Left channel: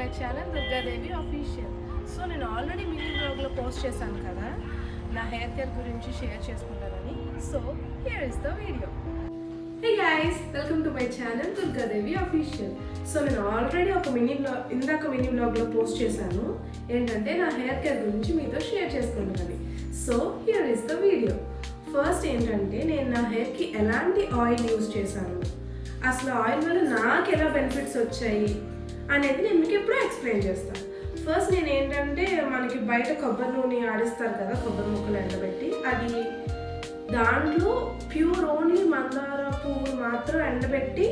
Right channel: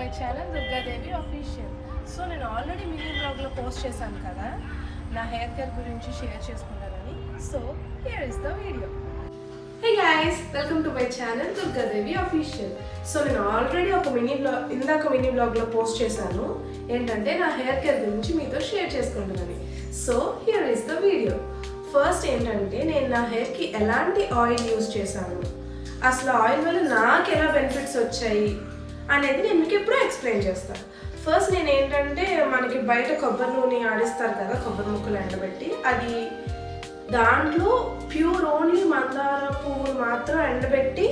My channel Durgadevi official. So నేను already mini బ్లాగ్లో post చేశాను కదా నా హెయిర్ కేర్ గురించి షేర్ చేసుకుంటానని. So here is the video. Hey guys, welcome to my channel Durgadevi official. So నేను ఆల్రెడీ ఒక మినీ బ్లాగ్లో పోస్ట్ చేశాను ఏంటంటే నా హెయిర్ కేర్ గురించి మీతో షేర్ చేసుకుంటానని. So here is the video. First ఏంటంటే నేను నా హెయిర్కి ఎలాంటి ఆయిల్ యూజ్ చేశాను, అసలు ఆయిల్ వల్ల నాకు ఎలా బెనిఫిట్స్ వచ్చాయి అనేది నేను మీకు ఎప్పుడూ ఎక్స్ప్లెయిన్ చేస్తాను. ఫస్ట్ నేను ఏంటంటే మనకి బయట కొబ్బరి నూనె ఆడిస్తారు కదా, కొబ్బరి ముక్కలు ఎండబెట్టి, అది దాంట్లో ప్యూర్ ఓన్లీ మందార పువ్వులు మాత్రం ఎండబెట్టి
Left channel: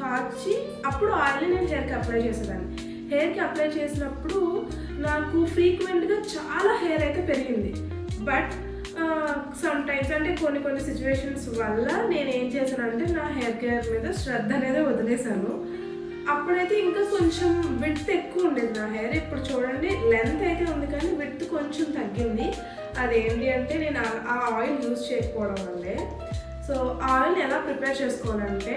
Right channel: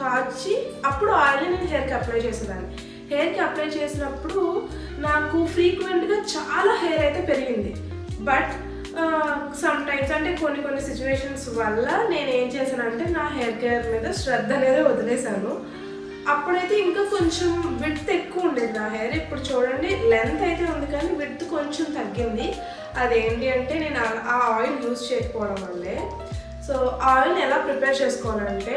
కాచి అప్పుడు ఆయిల్ నేను హెయిర్కి అప్లై చేసేదాన్ని. హెయిర్కి అప్లై చేసినప్పుడు నాకు ఫ్రీక్వెంట్గా చాలా హెయిర్ అయితే పెరిగింది. బట్ సమ్ టైమ్స్ అంటే కొన్ని సిచ్యువేషన్స్ వల్ల నేను ఏం చేశానంటే నా హెయిర్ కేర్ మీద శ్రద్ధ అనేది వదిలేశాను. అప్పుడైతే ఇంకా కొంచెం విడ్త్ ఎక్కువ ఉండేది నా హెయిర్. ఇప్పుడు చూడండి లెంత్ అయితే ఉంది కానీ విడ్త్ కొంచెం తగ్గింది. అదేంటి అంటే నేను ఆ ఆయిల్ యూజ్ చేయకపోవడం వల్లే. సో ఆయిల్ని ఎలా ప్రిపేర్ చేసుకోవాలంటే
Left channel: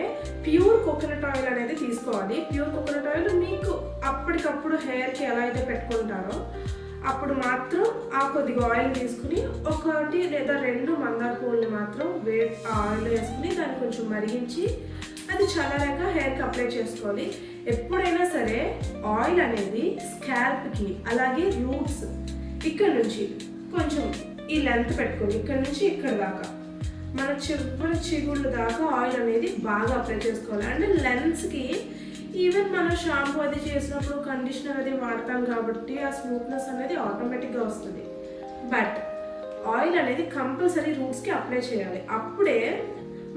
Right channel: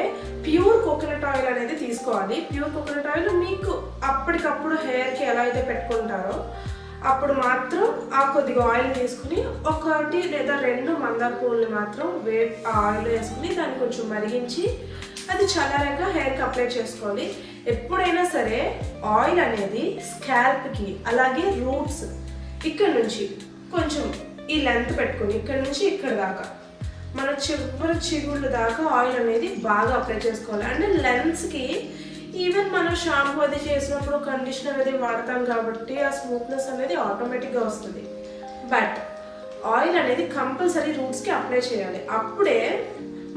ప్యూర్ కోకోనట్ ఆయిల్ అనేది తీసుకోవాలి. ప్యూర్ కోకోనట్ ఆయిల్ మీకు అప్పటికప్పుడు హెయిర్కి ఎలా అయితే పెట్టుకుంటారో అప్పుడు మాత్రం ఆ కొద్దిగా ఆయిల్ తీసుకుని 1 లేదా 2 మందార పువ్వుల్ని మాత్రం ఆయిల్ వేసుకుని దాన్ని కొంచెం మరిగించి అది చల్లారాక హెయిర్కి అప్లై చేసుకోవాలి. ఎప్పుడైనా సరే ఆయిల్ అనేది స్కాల్ప్కి అలాగే రూట్స్ ఇక్కడ నుంచి కొంచెం ఈ లెంత్ పెట్టుకుని ఇక్కడ నుంచి ఇక్కడ దాకా మన చివరి చిగుళ్ళ దాకా ఆయిల్ అనేది బాగా అప్లై చేసుకోవాలి. అంటే లెన్స్కి ఈవెన్ మనం షాంపూ అది చేసినప్పుడు కండిషనర్ అది వాడతాం కాబట్టి ఆ స్మూత్నెస్ అనేది ఆటోమేటిక్గా వస్తుంది. బట్ ఆయిల్ అనేది కంపల్సరీ రూట్స్కి అప్లై చేయాలి. అప్పుడే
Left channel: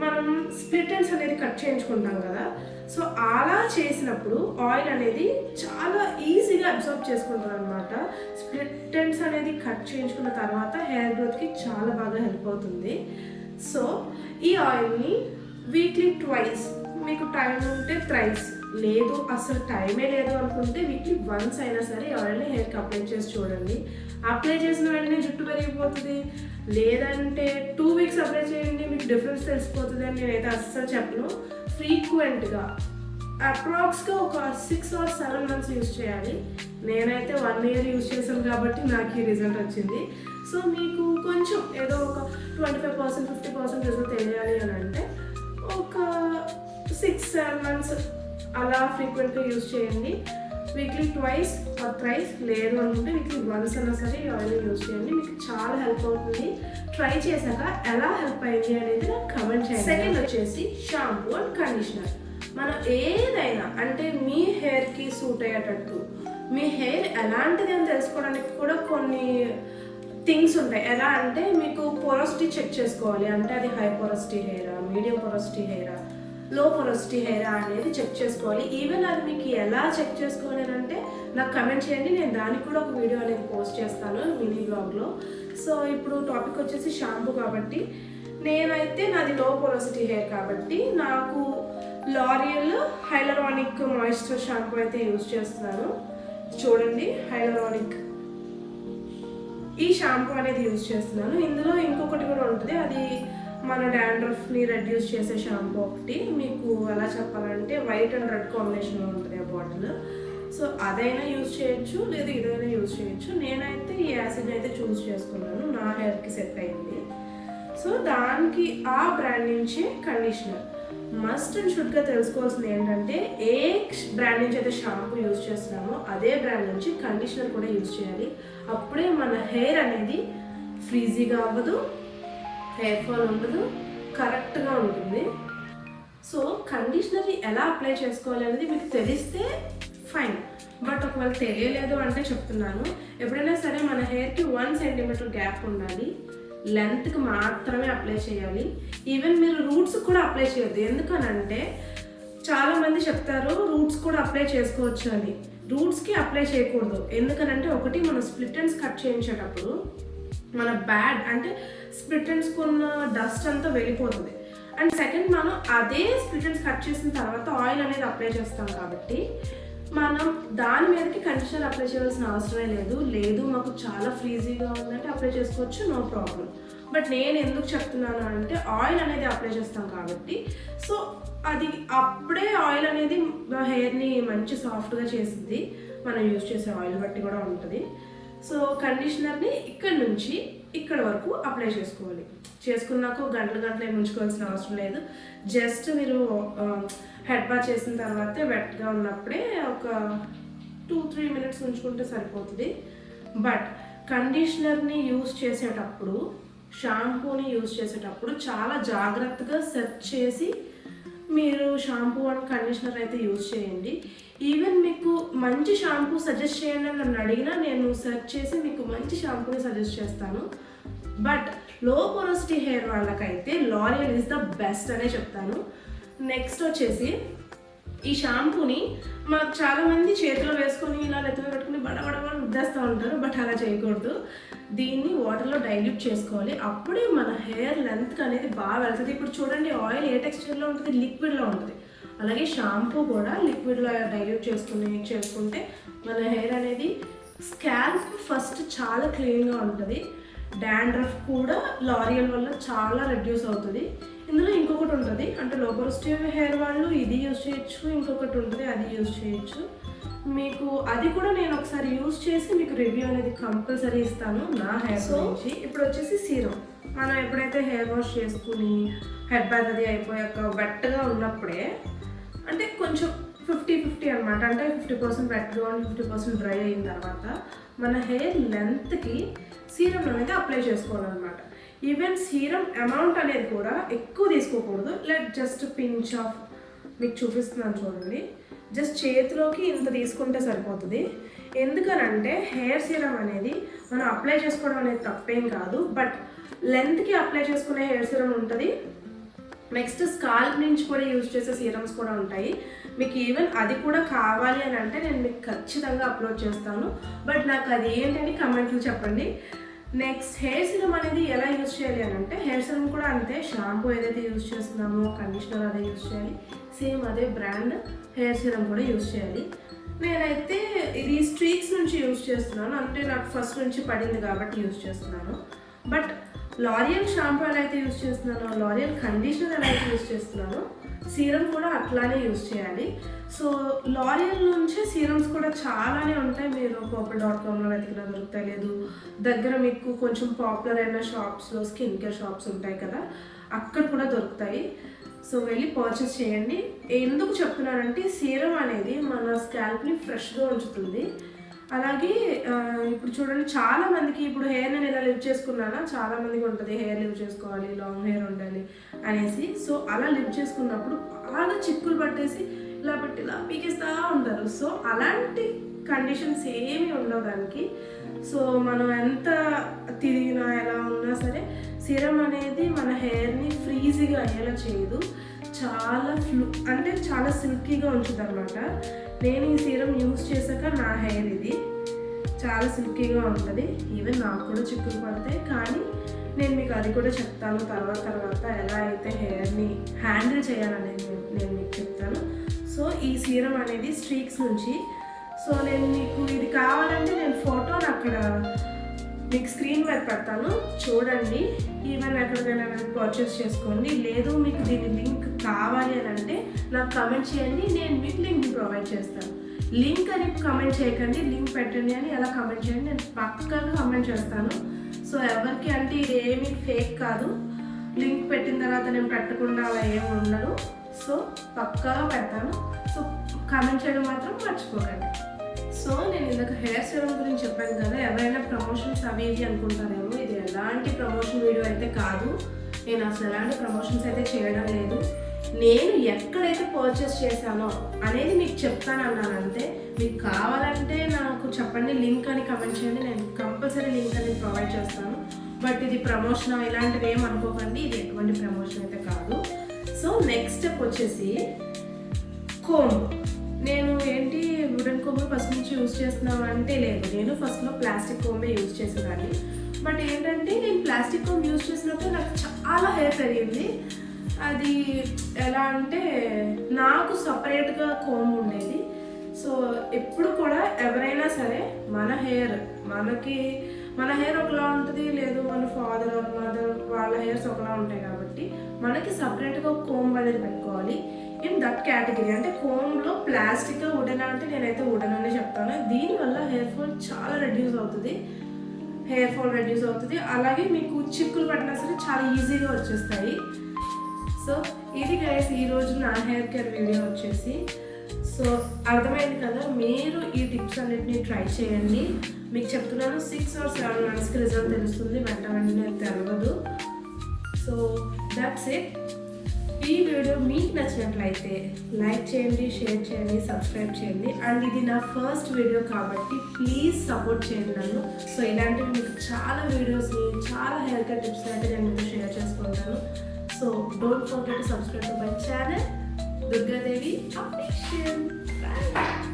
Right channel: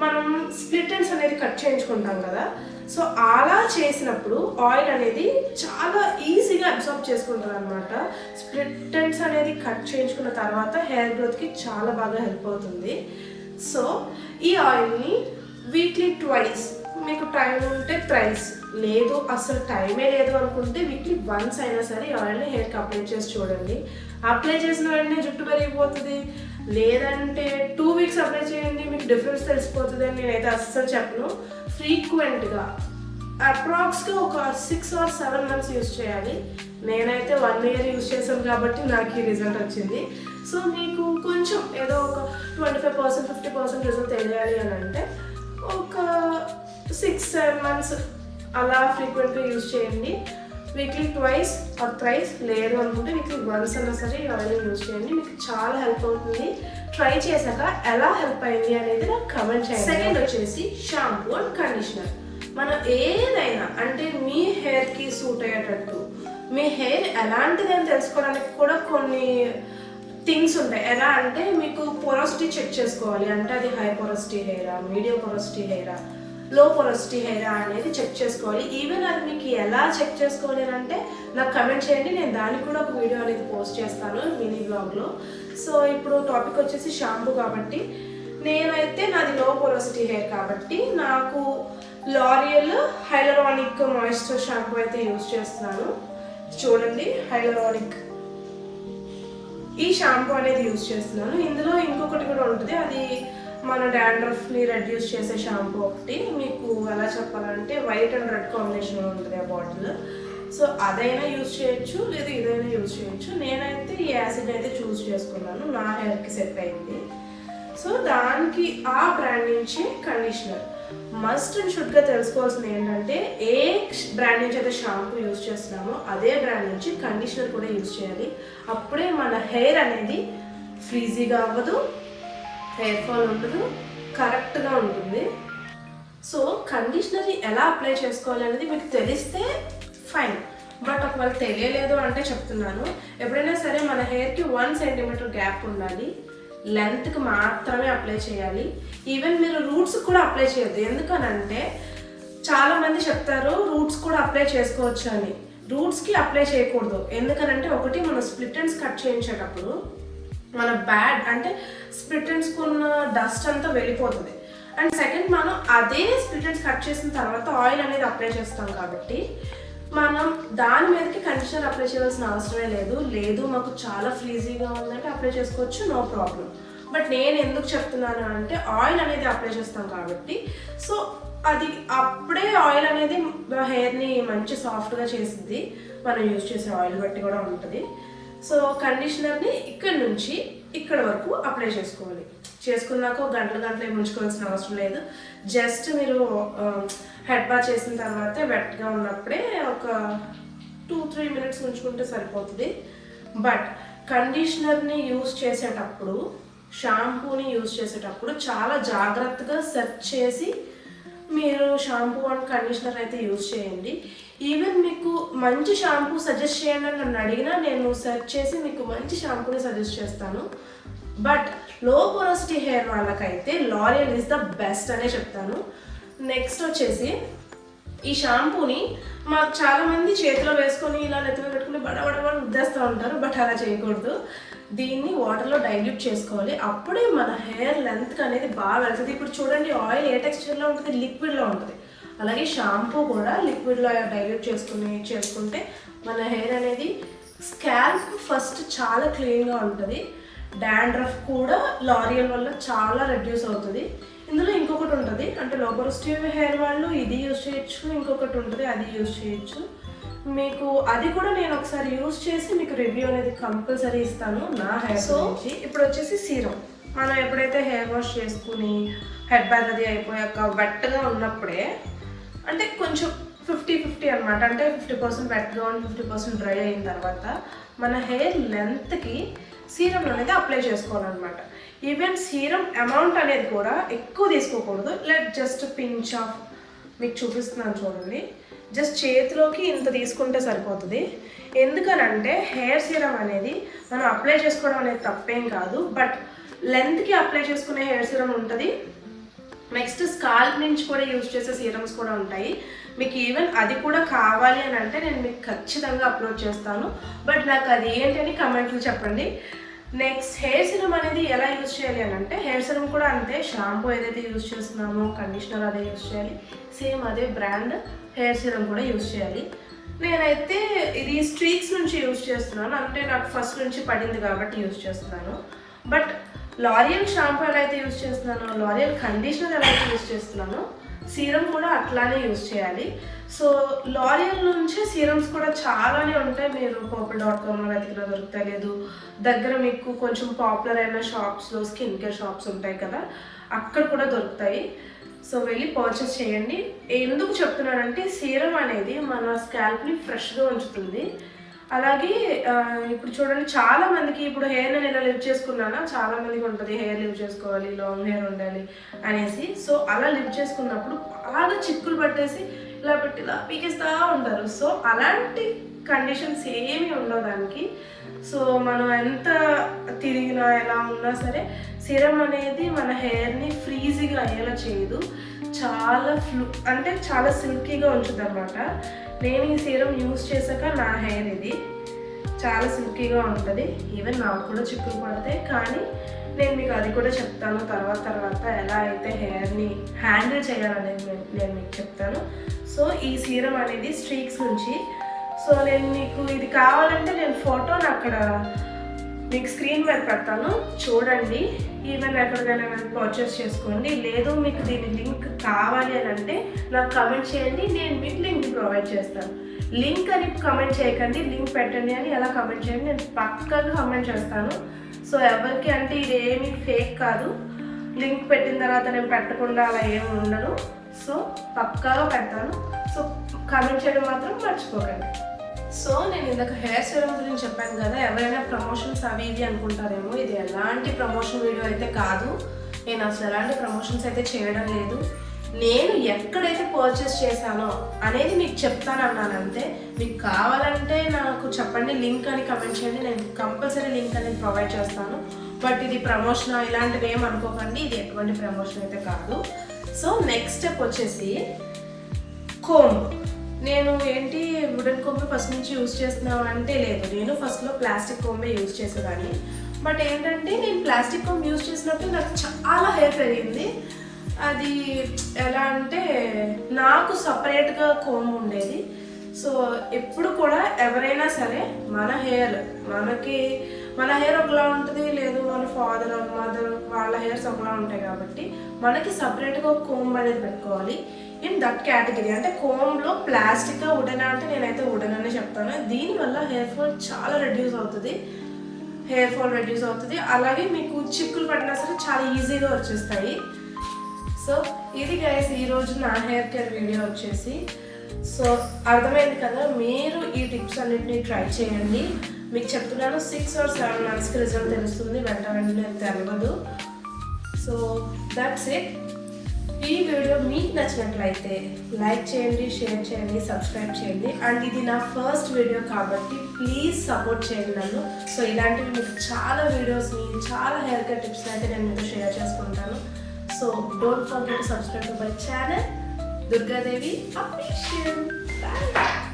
మనం స్ప్లిట్ ఎండ్స్ అనేది కట్ చేయించుకుంటాం కదా, సో అలా చేసినప్పుడు ఆయిల్ అనేది చాలా ఈజీగా అబ్జర్వ్ చేసుకుంటారు అనమాట. స్ప్లిట్ ఎండ్స్ అనేది కట్ చేయించుకున్న తర్వాత హెయిర్ గ్రోత్కి చాలా బాగా హెల్ప్ అవుతుంది. సో ఈ ఆయిల్ని వీక్లీ ట్వైస్, మీకు టైం ఉంటే థ్రైస్, లేదు అసలు టైమే లేదు అనుకుంటే వీక్లీ వన్స్ అయినా సరే ఈ ఆయిల్ని హెయిర్కి అప్లై చేసి చూడండి. అప్లై చేసిన వెంటనే జుట్టు పెరిగిపోతుంది, లేదంటే 2 వీక్స్ అప్లై చేయండి మీకు డిఫరెన్స్ తెలిసిపోతుంది అని నేనైతే అస్సలు చెప్పను. ఫ్రీక్వెంట్గా అప్రాక్స్గా ఒక 6 or 7 months యూజ్ చేయాలి. నేనైతే 1 year యూజ్ చేశాను కాబట్టి నాకు ఈ రిజల్ట్ వచ్చింది. సో మీకు కొంచెం ఏదో ఒక 25% 50% రిజల్ట్ తెలియాలి అని అంటే ఒక 6-7 months అలా ఫ్రీక్వెంట్గా యూజ్ చేయండి. వీక్లీ ట్వైస్ ఆర్ థ్రైస్, లేదు అనుకుంటే వీక్లీ వన్స్ అన్నా సరే ఈ ఆయిల్ యూజ్ చేయండి. మీకు చాలా హెల్ప్ అవుతుంది. ట్రై చేశాక ఎలా హెల్ప్ అయింది అనేది నాకు కమెంట్ చేయండి. సెకండ్ వచ్చేసి షాంపూ అండ్ కండిషనర్. మనం ఏదైనా అంటే మీ హెయిర్కి సూట్ అయ్యేటట్టు, మీ హెయిర్ ఎలాంటిది అని తెలుసుకోవడానికి కూడా కొన్ని థింగ్స్ ఉంటాయి. ఎలా అంటే మీకు పొరాసిటీ చెక్ చేసుకోవాలి, అంటే అది హై పొరాసిటీ హెయిరా, మీడియం పొరాసిటీ హెయిరా, లో పొరాసిటీ హెయిరా అనేది చెక్ చేసుకోవాలి. ఈవెన్ అది మీకు ఎలా చెక్ చేసుకోవాలి అంటే నాకు కమెంట్ చేయండి, నేను దానికి కూడా ఒక వీడియో అనేది పోస్ట్ చేస్తాను మినీ బ్లాగ్లో. సో ఇప్పుడు టాపిక్ వచ్చేసి షాంపూ కాబట్టి నేనైతే నాది లో పొరాసిటీ హెయిర్ కాబట్టి నాకు లారియల్ హైలరానిక్ మాయిశ్చర్ షాంపూ అయితే యూజ్ చేస్తున్నాను. చూడండి, హైలరానిక్ ఈ షాంపూ అనేది యూజ్ చేస్తున్నాను. ఇందులో ఇంకొకటి కూడా ఉంటుంది, అది మన డాండ్రఫ్ని రెడ్యూస్ చేసే షాంపూ ఒకటి. మీకు ఎలా చెప్పాలంటే వైట్ అండ్ రెడ్ కాంబినేషన్లో ఉంటుంది ఆ బాటిల్. సో అదైనా యూజ్ చేయొచ్చు, లేదా ఇదైనా యూజ్ చేయొచ్చు. నేనైతే ఈ యాసిడ్ అయితే చూస్ చేసుకున్నాను, నా హెయిర్కి సెట్ అయింది. సో దానికి ఆ బ్రాండ్ నుంచి కండిషనర్ మస్ట్ అండ్ షుడ్గా తెలుసుకోవాల్సింది ఏంటంటే ఏ బ్రాండ్ నుంచి అయితే షాంపూ యూజ్ చేస్తున్నామో అదే బ్రాండ్ నుంచి కండిషనర్ కూడా యూజ్ చేయాలి. అప్పుడే మన హెయిర్ అనేది ఫ్రీజీగా అవ్వదు, హెయిర్ ఫాల్ ఉండదు, కరెక్ట్గా ఉంటుంది. సో కండిషనర్ ఎలా అప్లై చేసుకోవాలి అనేది మీకు తెలిస్తే ఫైన్, బట్ ఒకవేళ తెలియలేదు అంటే చెప్తున్నాను, ఎప్పుడైనా సరే మన హెయిర్కి 1 centimeter గ్యాప్ ఉండాలి. లెంత్కి మాత్రమే అప్లై చేయాలి. ఈవెన్ మీరు రూట్స్ కూడా అప్లై చేయొద్దు. ఎందుకనంటే చాలామంది చెప్తారు రూట్స్ కూడా అప్లై చేసుకోవచ్చు అని. రూట్స్కి అప్లై చేయకూడదు. ఎందుకనంటే ఒకటి మనం స్ప్లిట్ ఎండ్స్ కట్ చేయించేటప్పుడు మన బ్యాడ్ అంటే స్ప్లిట్ ఎండ్స్కి ఉన్న డస్ట్ అంతా వెళ్ళిపోతుంది. అండ్ సెకండ్, మనం అదే స్ప్లిట్ ఎండ్స్ కట్ చేసిన తర్వాత ఆయిల్ అనేది అప్లై చేస్తాం కాబట్టి మనం దాని మీదకి కండిషనర్ అప్లై చేయాల్సిన అవసరమే లేదు మాకు చాలా ఫ్రీజీగా ఉందంటే అప్లై చేసుకోవచ్చు, నో ప్రాబ్లం. బట్ నేను ఎందుకు చెప్తున్నాను అంటే ఆయిల్ అనేది అప్లై చేస్తాం కాబట్టి సో అది అప్పుడే ఆయిల్ అనేది హెయిర్ని మంచి సాఫ్ట్గా చేసిద్ది. మనం యూజ్ చేసే ఆయిల్ బట్టి కూడా ఉంటుంది. సో కండిషనర్ని ఇక్కడ నుంచి ఇక్కడ వరకు అప్లై చేసుకోవాలి. చేసుకున్నాక గంటలు ఏమి ఉంచుకోవాల్సిన అవసరం లేదు. జస్ట్ మీరు హెడ్ బాత్ చేసిన తర్వాత వెట్గా ఉన్నప్పుడే ఒక 2-3 మినిట్స్ ఉంచుకుంటే సరిపోతుంది. బట్ కండిషనర్ని యూజ్ చేసేటప్పుడు, షాంపూని యూజ్ చేసేటప్పుడు చాలా జాగ్రత్తగా సెర్చ్ చేసి మీరు షాంపూ అండ్ కండిషనర్ అయితే యూజ్ చేయండి. ఈవెన్ మీకు మంచి షాంపూ సజెస్ట్ చేయండి అని నన్ను అడిగినా నేను సెర్చ్ చేసి మీకు మంచి షాంపూని సజెస్ట్ చేస్తాను. బట్ లో పోరోసిటీ హెయిర్ వాళ్ళకైతే లారియల్ ఈజ్ ద బెస్ట్ అనే చెప్తాను. నెక్స్ట్ వచ్చేసి ఈ షాంపూని మాకు చాలామంది చేతిలో వేసుకొని ఇలా నెత్తిన పెట్టుకుని బడబడబడ రుద్దేస్తూ ఉంటారు. బట్ అలా చేయకూడదు. దీన్ని వాటర్లో డైల్యూట్ చేసుకోవాలి. అప్పుడే మన హెయిర్ లెంత్ అనేది బాగా వెళ్తుంది. ఇప్పుడు చూడండి, ఆయిల్ ఏ టెక్స్చర్లో ఉంటుంది, లిక్విడ్లో ఉంటుంది. అలాగే షాంపూ కూడా లిక్విడ్లో డైల్యూట్ చేసుకుంటే మన హెయిర్ అనేది స్కాల్ప్ ఫస్ట్ చాలా క్లీన్గా ఉంటుంది. డాండ్రఫ్ కూడా లారియల్ వల్ల చాలా రెడ్యూస్ అవుతుంది. ఇందులో ఇంకొకటి ఉంటుంది, అంటే లో పోరోసిటీ హెయిర్ వాళ్ళు ఇది యూజ్ చేయొచ్చు, ఇంకొకటి ఉంటుంది అది యూజ్ చేయొచ్చు. మీకు అది కూడా నేను ఒకసారి యూజ్ చేసి మీకు రివ్యూ అనేది కంపల్సరీ ఇస్తాను నా హెయిర్ గురించి. ఇప్పుడు వచ్చేసి సీరం. మనం ఎప్పుడైతే హెయిర్ వాష్ చేసుకుని హెడ్ బాత్ అది అయిపోయాక వెట్గా ఉన్నప్పుడే, అంటే కొంచెం 50-50 అనమాట, అంటే 50% వెట్గా ఉండి 50% డ్రై అయిన తర్వాత మన హెయిర్ లెంత్కి సీరం అనేది అప్లై చేసుకోవాలన్నమాట. ఈవెన్ సీరం అమౌంట్ అనేది కూడా ఎక్కువ తీసుకోకూడదు. జస్ట్ పించ్ ఆఫ్, మీకు చూపిస్తున్నాను చూడండి, జస్ట్ చేతిలోకి ఇంత తీసుకుంటే సరిపోతుంది. ఎందుకనంటే హెయిర్ సీరం అనేది మనం అప్లై చేసుకోవడం అనేది తప్పేం కాదు. బట్ లెంత్కి అప్లై చేసుకునే హెయిర్ సీరం ఉంటుంది. నెక్స్ట్ స్కాల్ప్ నుంచి కూడా యూజ్ చేసే సీరమ్స్ కూడా ఉంటాయి. మీకు ఈవెన్ అది కూడా కావాలి అని అంటే నేను మీకు ఖచ్చితంగా అప్లోడ్ చేస్తాను. బట్ నాకు అది ఏంటని కమెంట్లు చెప్పండి. నెక్స్ట్ హెయిర్ సిరమ్ అనేది ఎలా యూజ్ చేయాలి అని అంటే, హెయిర్ సిరమ్ కూడా అంతే. షాంపూ ఏదైతే యూజ్ చేస్తున్నామో కండిషనర్ అదే యూజ్ చేయాలి. సేమ్ అదే బ్రాండ్ హెయిర్ సిరమ్ కూడా యూజ్ చేయాలి. నేనైతే ఇది స్ట్రీక్స్ నుంచి యూజ్ చేస్తున్నాను, అంటే నాకు ఫస్ట్ నుంచి పడింది కాబట్టి యూజ్ చేస్తున్నాను. బట్ లారియల్ షాంపూ ఎలా అయితే యూజ్ చేస్తున్నానో, లారియల్ కండిషనర్ ఎలా అయితే యూజ్ చేస్తున్నానో, సీరం కూడా అట్లానే యూజ్ చేయాలి. సో లారియల్ నుంచి సీరమ్స్ కూడా చాలానే ఉంటాయి. మీరు purple.comలో వెతికినా దొరుకుతాయి, లేదు దగ్గర మీకు కొంచెం పాపులర్ అయిన షాప్స్లో స్కిన్ కేర్ షాప్స్ ఉంటాయి కదా, అక్కడ కూడా దొరుకుతాయి. సో వెళ్ళి పర్చేస్ చేయండి. ఎందుకు చెప్తున్నానంటే సీరం అనేది మన స్కాల్ప్ని ఫ్రెష్గా ఉంచుతుంది. అలాగే ఇప్పుడు చూడండి, చాలా మందికి ఇప్పుడు హెయిర్ నేను ఇలా లివ్ చేసుకున్నానా, చాలా మందికి ఉంటుంది హెయిర్ లివ్ చేసుకోవాలి, లాంగ్ హెయిర్ ఉండాలి అనేసి. సో అలా లివ్ చేసుకున్నప్పుడు బాగా చిక్కులు పట్టేసి ఇలా పెట్టి ఇలా పీకేస్తూ ఉంటారు. సో అలాంటి కండిషన్స్ ఏమీ ఉండవు దానికి. సో మనం ఎంత తిరిగినా ఎలా ఉన్నా సరే సీరం అనేది మన హెయిర్ని ఫ్రీజీగా అయ్యేలా చేయదు. అంటే చాలా సిల్కీగా ఉంచుతుంది అనమాట. నేను ఈ సీరం యూజ్ చేశాక నా హెయిర్ ఇది చాలా సిల్కీగా ఉంటుంది. ఈవెన్ నాకు కూడా చిక్కులు పడతాయి, కానీ నేను మీకు అది కూడా చెప్తాను తర్వాత ఎలా అయితే హెయిర్ని హ్యాండిల్ చేయాలనేది నేను మీకు చెప్తాను. సో ఈ సీరం అనేది స్ట్రీక్స్ నుంచి. సో నేను మీకు ఇది కావాలంటే నేను ఫోటోని అక్కడ మీకు స్క్రీన్ మీద పెడతాను, చూడండి. ఈవెన్ ఎక్కడికైనా పర్చేస్ చేసుకోండి. లేదు మీకు దీని లింక్ కావాలి అని అంటే నాకు కమెంట్ చేయండి, నేను మీకు లింక్ ప్రొవైడ్ చేస్తాను. లింక్ అని కమెంట్ చేయకండి, లింక్ పెట్టండి అని ఎలా కమెంట్ చేయండి, నేను పక్కాగా కమెంట్ చేస్తాను. సో ఎవరికి అంటే ఇది ఏమీ ఫేక్ కాదు. లింక్ పెట్టిన తర్వాత నేను పెట్టకుండా అలా ఏమి ఉండను. సో పక్కాగా పెడతాను. సో కమెంట్ చేయడం మాత్రం మర్చిపోకండి. సో నేను ఇందాక హెయిర్ సిరమ్ గురించి చెప్పాను కదా, ఎవరైనా ప్రమోషన్స్ అవి ఇవి అనుకుంటారేమో. ఇది ఎలాంటి ప్రమోషన్ వీడియో అయితే కాదు. నేను అసలు ఎలాంటి ప్రమోషన్స్ అయితే చేయడం లేదు. నేను ఎక్కడైతే పర్చేస్ చేశానో అనేది మీకు చెప్తానన్నాను అంతే. మీకు కావాలంటే నాకు చెప్పండి, లింక్ అని కమెంట్ చేయండి, నేను కంపల్సరీ లింక్ అనేది ప్రొవైడ్ చేస్తాను. బట్ ఇది ప్రమోషన్ ఇలాంటివి ఏం అనుకోకండి, ఇది ఎటువంటి ప్రమోషన్ అయితే కాదు. సో నెక్స్ట్ స్టెప్ వచ్చేసి కోంబ్. నేను ఏంటి వుడెన్ కోంబ్ ఫస్ట్ నుంచి యూజ్ చేస్తున్నాను అంటే లేదు, నేను ఫస్ట్లో ప్లాస్టిక్ కోంబే యూజ్ చేసేదాన్ని. బట్ ఏంటంటే నేను ప్లాస్టిక్ కోంబ్ యూజ్ చేసినప్పుడు నాకు చాలా హెయిర్ పెరిగింది. అది ఎలా అంటే నాకు సపరేట్గా కోంబ్ ఉండేది. సో ఎప్పుడు కూడా ఎవరైనా సరే మన హెయిర్ ఒకలా ఉంటుంది, లేదు మన ఫాదర్ మదర్ వాళ్ళ హెయిర్స్ ఒకలా ఉంటాయి కాబట్టి మనకి సపరేట్గా ఒక కోంబ్ అనేది పెట్టుకోవాలి. In that category. అంటే కోమ్లో ప్లాస్టిక్ వుడెన్ అంటే నేనైతే వుడెన్ అనే చెప్తాను. దీనివల్ల హెయిర్ ఫాల్ చాలా రెడ్యూస్ అవుతుంది, అలాగే మీకు చిక్కులు పడినా సరే చాలా ఈజీగా వచ్చేస్తాయి. సో ఇది గైస్ ఈరోజు నా హెయిర్ కేర్ వీడియో వచ్చేసి. సో అర్థమైంది కదా, మీరు ఈ టిప్స్ అన్నిటిని ట్రై చేయండి. మీకు చెప్తున్నాను 6 or 7 monthsకి రిజల్ట్ తెలుస్తుంది, వెంటనే తెలియదు. So that's it. ఈ వీడియో మీకు నచ్చినట్లయితే లైక్ చేయండి, షేర్ చేయండి, సబ్స్క్రైబ్ చేయండి. అండ్ ఇది నా ఫస్ట్ వీడియో కాబట్టి ప్లీజ్ సపోర్ట్ చేయండి నన్ను. సో ఇలాంటివి మీకు చాలా వీడియోస్ని, చాలా హెయిర్ కేర్ టిప్స్ని అయితే నేను మీతో షేర్ చేసుకుంటాను. So don't forget to subscribe to my channel Durgadevi official. Bye.